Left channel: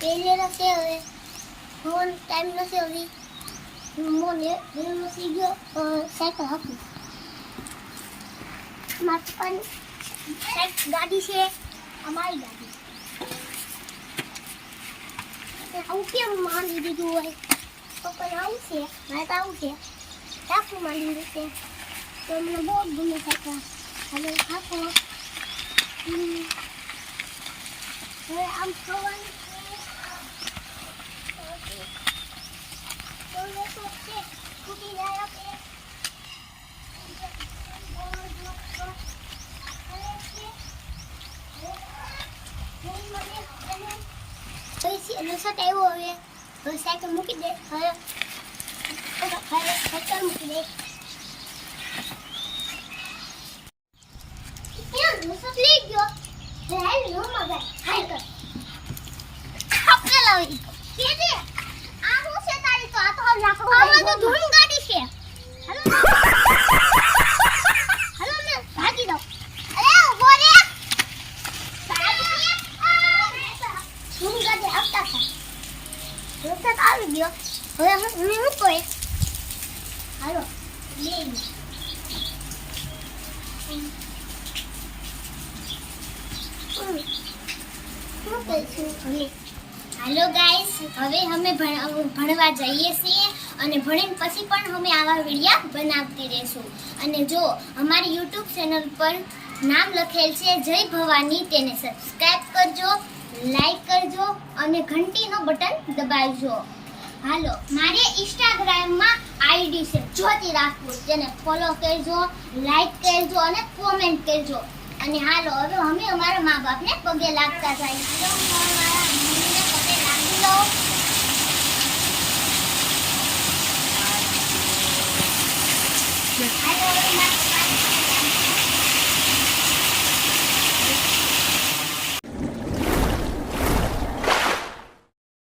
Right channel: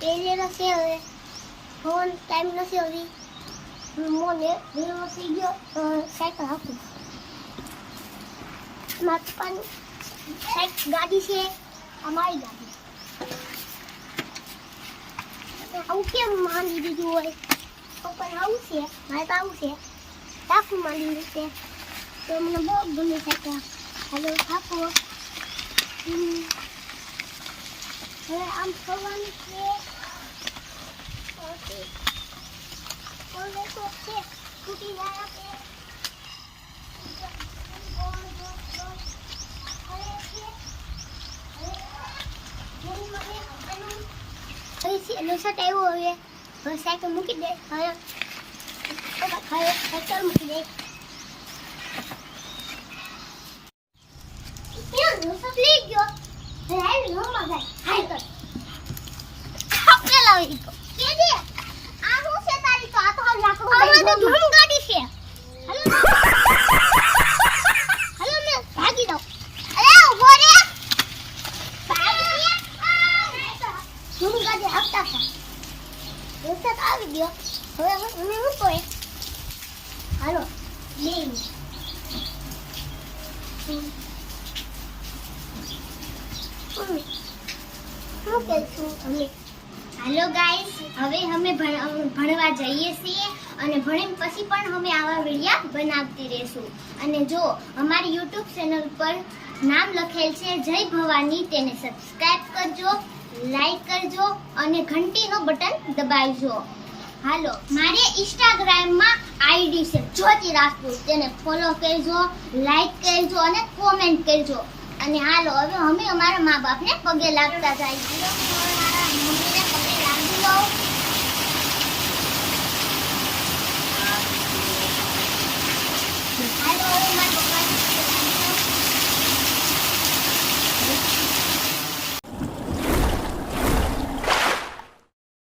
પેલેનો છે હવે phone time નથી હવે મોને વેલો થઈ ગયો સાયકલ હાકી મારી પપ્પાની સાયકલ ગાડી છે અમારી ગાડી આવું કેમ માંડી દીધું હોય પપ્પાને આવું છે મારે તો આવું છે ટાકું માંડી દીધું છે તો મને બહુ ગમે સાયકલ હાલો હાકો હવે આમ થવાનું છે ઓકે તો છે તૂટી જાય કે હવે સાયકલ મૂકી દે હવે સાયકલ મૂકી દે લઈ ગયો હાલ નો મજા હાલ કર આપણે લાવી તો કે દે આ હું છે તારી તો આ તો લાકડું આ તો ધૂમ ગાડી છે હાલો હાલો ને ભાગી દો અરે ઉભો રે ભાગી ધૂમ ગાડી આવતા હતા રસ્તા આવી ગયો હવે હું કોઈ હાલો લે हेलो गाइस હવે અમે ભણવા જઈએ છીએ અને ભણીને પછી પણ અમે આવા વિડિયો બનાવતી રહેશું અને જો અમારી YouTube ચેનલ પર નામ લખેલ છે જય ભવાની તેને સબસ્ક્રાઇબ કરજો લાઈક કરજો અને ઘંટીનો બટન દબાવજો હાલો મારી Instagram માં આઈડી છે જ્યોતિ રાજપૂત તેને ફોલો કરજો લાઈક કરજો અને કોમેન્ટ કરજો અને હાલો હવે અમે અમારા મા બાપને પગે લાગતા જાય